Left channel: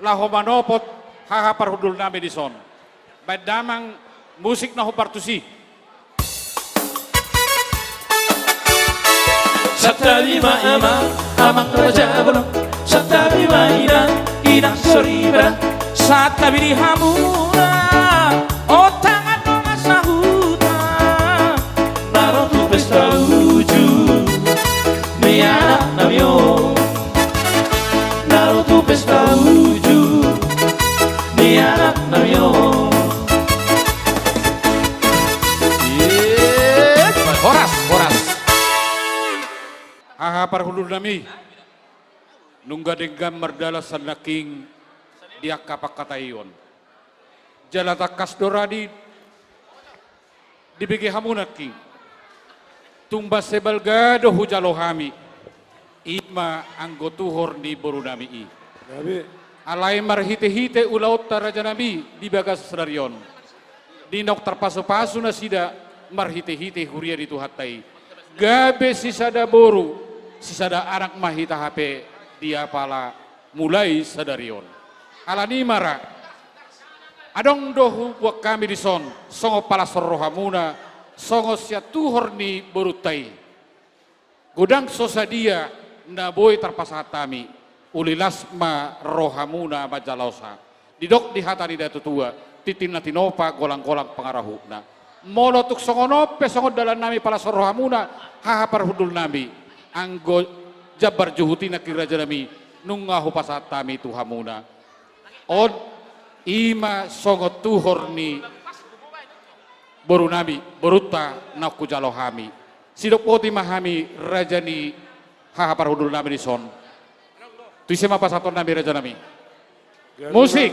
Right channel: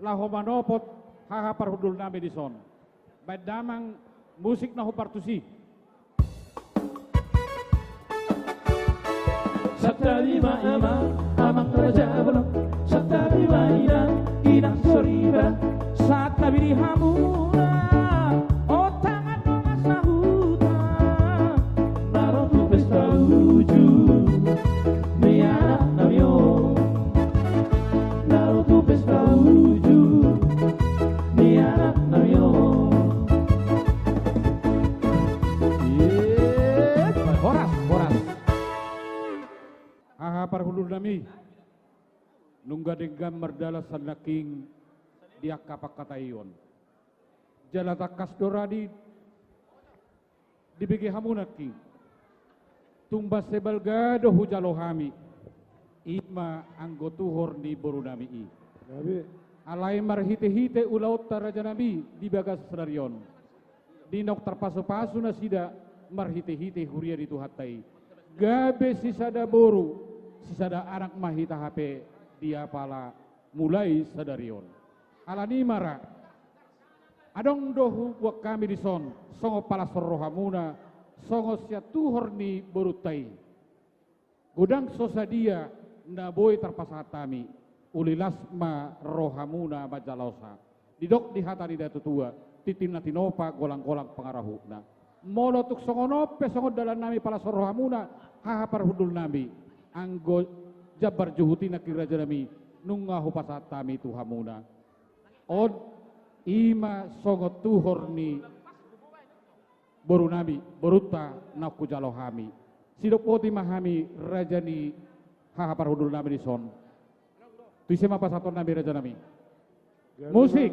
lahomanopot hahaparhudul nami di son. Badamang musik na hupartusi. Satabima amang raja belum. Satabima inang soribra. Satabiri hamura. Oh tangan no masahuta. Naro tu pesta uju. Miara namyo. Naro tu pesta uju. Miara namyo. Horas. Hahaparhudul nami. Nungga denggam merdala sanaking dia kapak katayon. Jalata kasdoradi dibigi hamunaki. Tumba sebalgado hujalohami. Ima anggotuhor di borunami i. Alay marhite-hite ulaut tarajanami di bagas sedarion. Dinok terpasu-pasu na sida marhite-hite huria di tuhatai. Gabe sisada boru, sisada anak mahita HP dia pala mulai sadarion. Alani mara, adong dohu buat kami di son, songo pala sorrohamuna, songo siatuhor ni borutai. Gudang sosadia na boy terpasatami, ulilasma rohamuna majalausa. Didok di hatari datu tua, titin na tinopa golang-golang pengarahuna. Molotuk songonope songo dalan nami pala sorrohamuna, hahaparhudul nami. Anggo jabar juhutina kiraja nami, nungahu pasatami tuhamuna. Od ima songo tuhor ni borunami, boruta naku jalohami. Sidok poti mahami rajani hahaparhudul nami di son. Tuisema pasaton nami raja nami. Musik.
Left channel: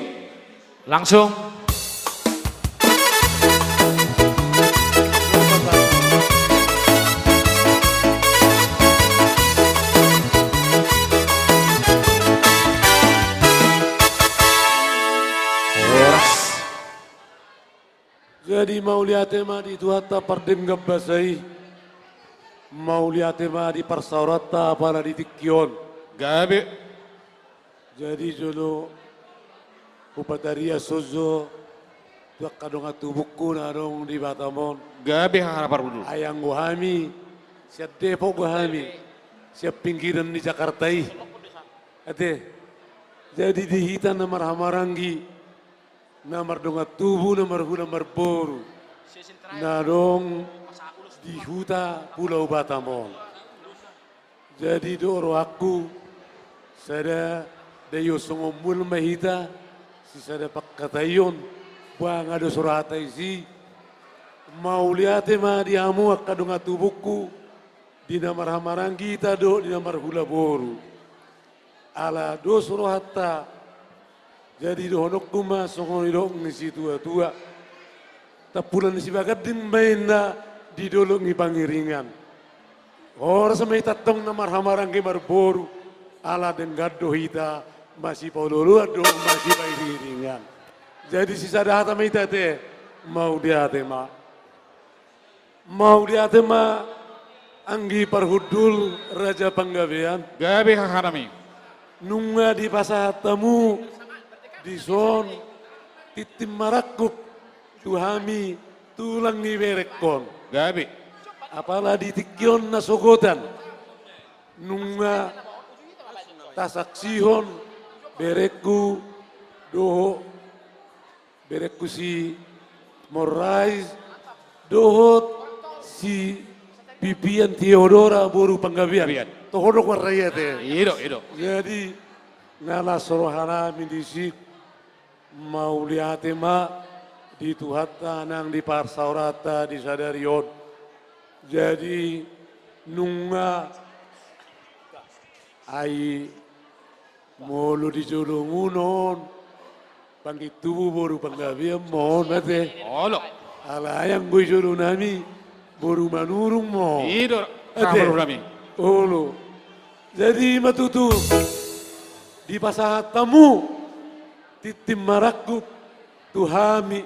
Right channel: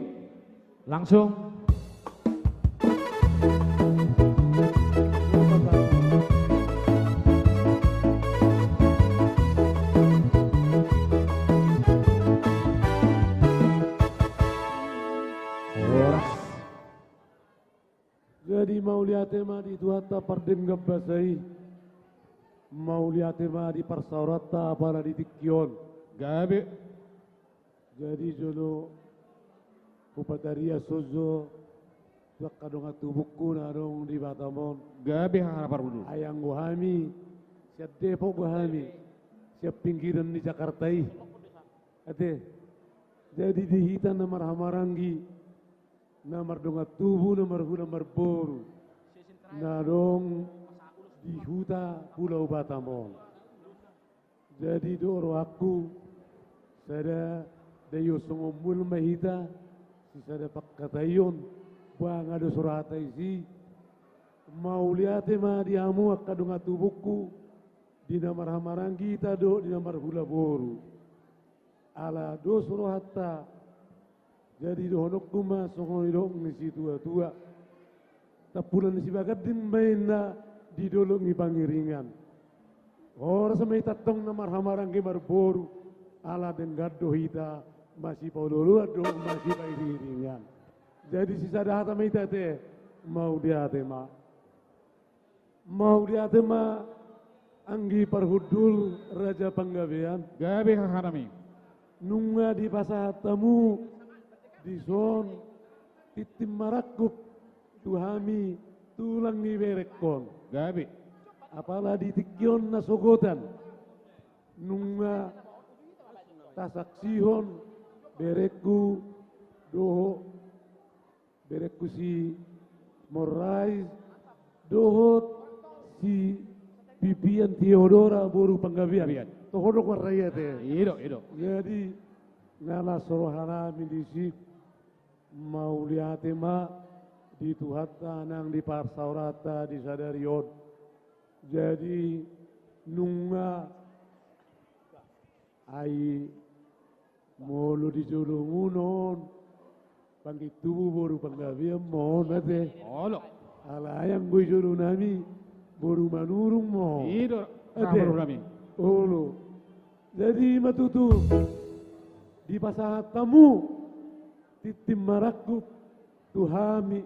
Langsung. Jadi mau lihat tema di tuata pardem gabasai, mau lihat tema di parsaurata para di tikion. Gabe. Jadi jono upataria sozo, tuak kadong atubuku narong di Batamon. Gabe hahaparhudul. Ayang gohami, siap Depok gohami, siap pinggiran di Jakarta i. Ate, jadi di hitan namar hamarangi. Namar dongat tubuh, namar boru. Narong di huta Pulau Batamon. Jadi doro aku, sada dayo songomul mahita, si sada pakkatayon, bang ada surata isi, mau lihat ma diamu akadongat tubuhku, di namar hamaranggi kita do, di namar hula boru. Ala do surata. Jadi dohonok kuma songon idong ngisi tua-tua. Tapulan si bagadin main na di dolong ipangiringan. Orang sampai tatong na marhamarang marboru. Ala den gaddo hita masih paululu ado masih pairingan. Jadi sisa data mita te mau dia tema. Mau dia tema anggi parhudul raja panggabean. Gabe hahanami. Nunga di pasatamu. Di son titim marakuk tuhami tulang ni berekon. Gabe. Apalah di tikion na sogotan. Nunga tasaksihon bereku doho bereku si Morais dohot si Pipian Theodora boru panggabian. Tohodok waraya teh. Ido. Jadi ngala sorohana mindisi mau lihat ma di tuhata nang di parsaurata di sadarion. Jadi nunga ai mulu di jolongunon pangit tubuh boru panggabian mohon mate. Olo. Alayang gue jolong nami boru manurung mo. Ido hahaparhudul nami. Olo. Jadi matutu di pasahat tamu titim marakuk tuhami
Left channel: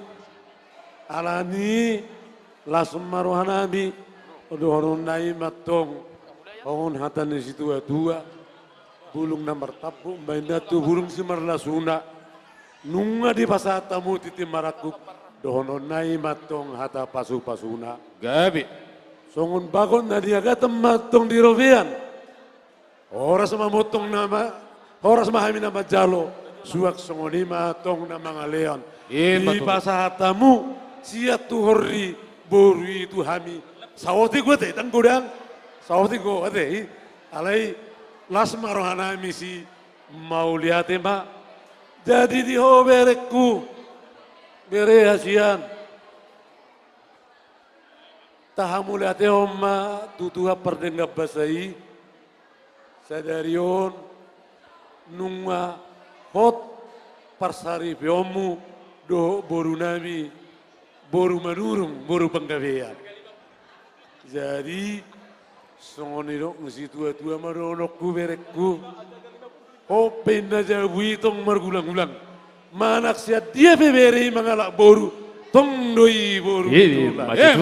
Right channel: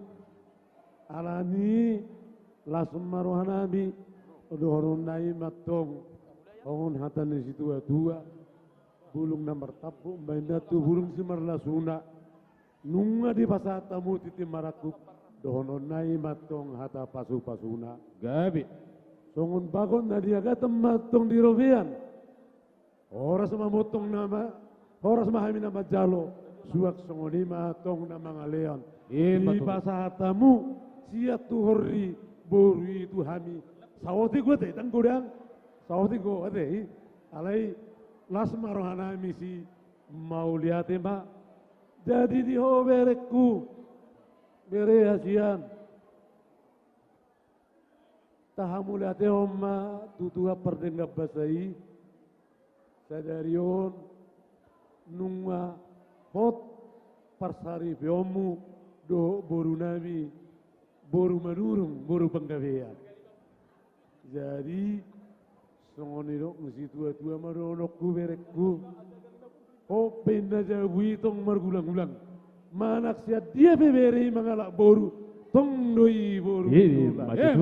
alani lasum maruhanami odohonon nai matong ongon hatan di situ tua bulung na martapu, main datu bulung si marlasuna, nunga di pasatamu titi marakuk, dohono nai matong hata pasu-pasuna. Gabi. Songon bagon na dia gatam matong di rovian. Oras mamotong nama, oras mahami nama jalo, suak songoni matong na mga leon. Iya, Di betul. pasatamu, siya tuhori, boru itu hami. Sawati gue teh, tan gudang. Sawati gue teh, alai las marohana misi mau lihat ma. Jadi di ho berekku, bere hasian. Tahamu lihat oma tutuha perdenggap basai. Sadarion nunga hot parsari biomu do boru nami boru manurung boru penggawean. Jadi songonirok ngisi tua-tua maronokku berekku. Hopen aja witong margulang-gulang. Manak siat dia beberi mangalak boru. Tong doi boru.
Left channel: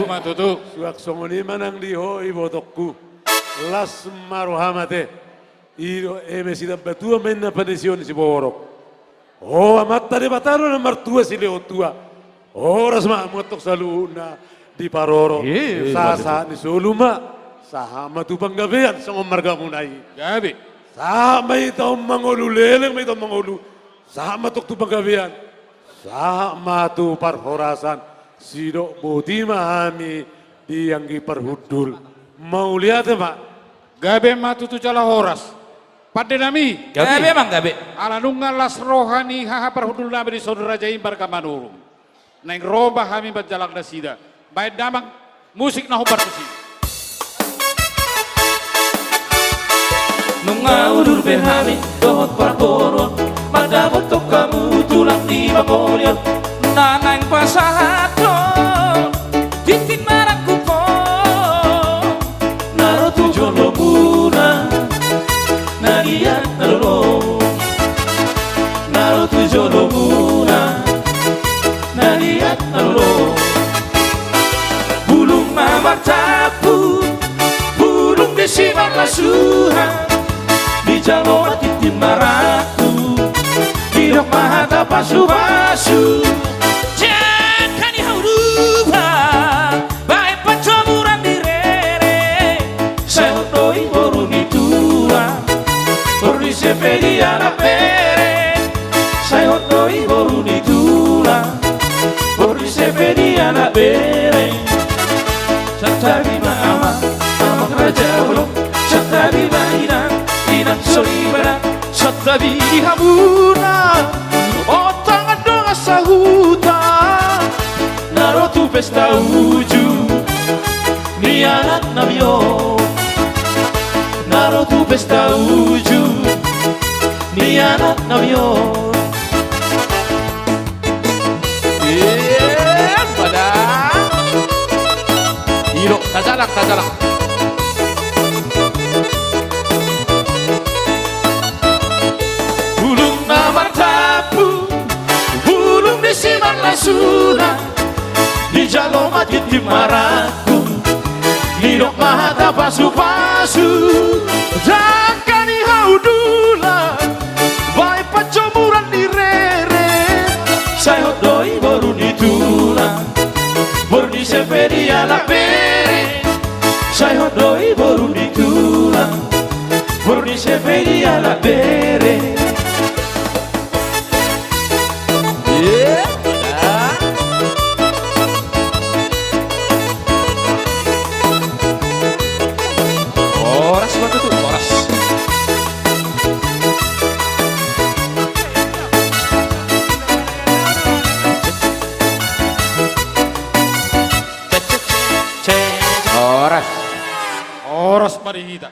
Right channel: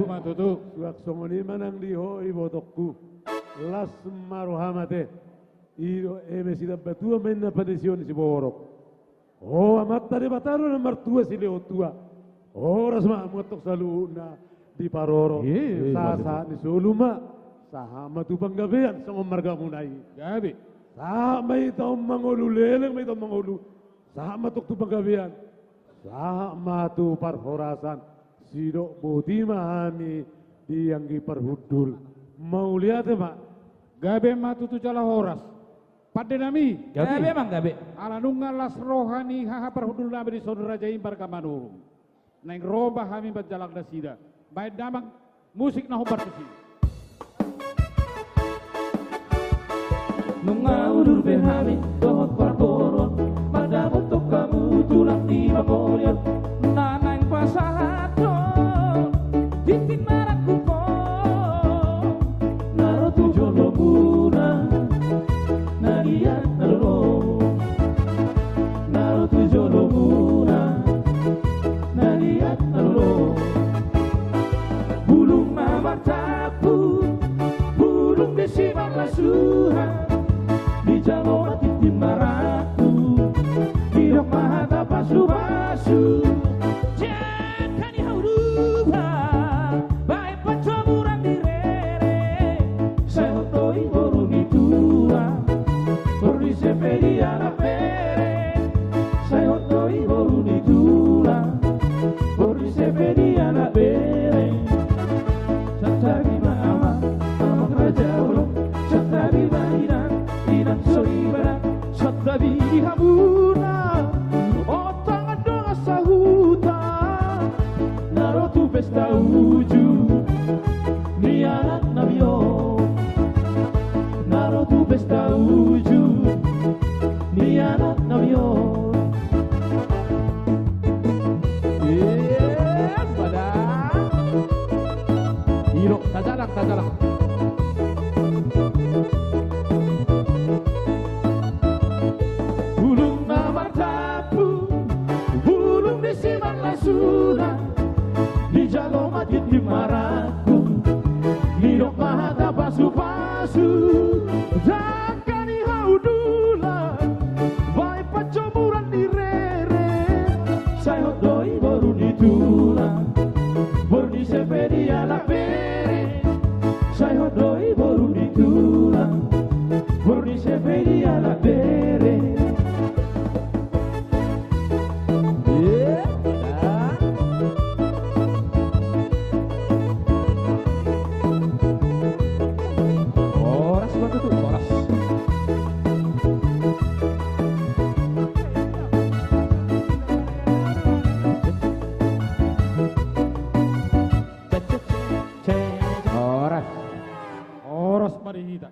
Matutu. Suak songoni manang di hoi botokku. Las marohamate. Iro sida batua menna padesion si borok. Oh amat tadi bataro na martua si leo tua. Oras motok saluna di paroro. Sasa ni soluma. Sahama tu panggabean sa marga munay. Gabi. Sama ito mangulu leleng may ito mangulu. Sama tuk tu panggabean. Sama tu parhorasan. Sido buti mahami di yang perhudul. Mau lihat ya pak? Gabi matutu cala horas. Pada nami. Gabi emang gabi. Ala nunga las rohani haha perhudul nami di saudara jaim barkamanurung. Neng roba hami berjalak nasida. Baik damang musik na hubar kusi. Nunga udur behami dohot para koron. Madabot to kamu tulang di bangolion. Nanang pasahato titin maraku ko. Naro tu jolo muna nagiat nalolo. Naro tu jolo muna nagiat nalolo. Bulung mama tapu, bulung desiman lasuhan. Di jalo titin maraku, hidup mahata pasu-pasu. Jangan diharuba, baik pencoburan direre. Saya hotoi boruni tua, boruni sepedi anak pere. Saya hotoi boruni tua, boruni sepedi anak pere. Satabi mama, mama raja belum. Satabi mainan, inang solibara. Satabi hamuna, otangan doa sahuta. Naro tu pesta uju, ni anak nabio. Naro tu pesta uju, ni anak nabio. Pada Iro, tajalak. Bulung namar tapu, bulung disiman lasuna. Di jalo mati timaraku, hidok mahata pasu-pasu. Jangan dihaudula, baik pencoburan direre. Saya hotdoi baru ditulang, baru disepedi anak pere. Saya hotdoi baru ditulang, baru disepedi anak pere. Horas banget tuh, horas. Horas marihita.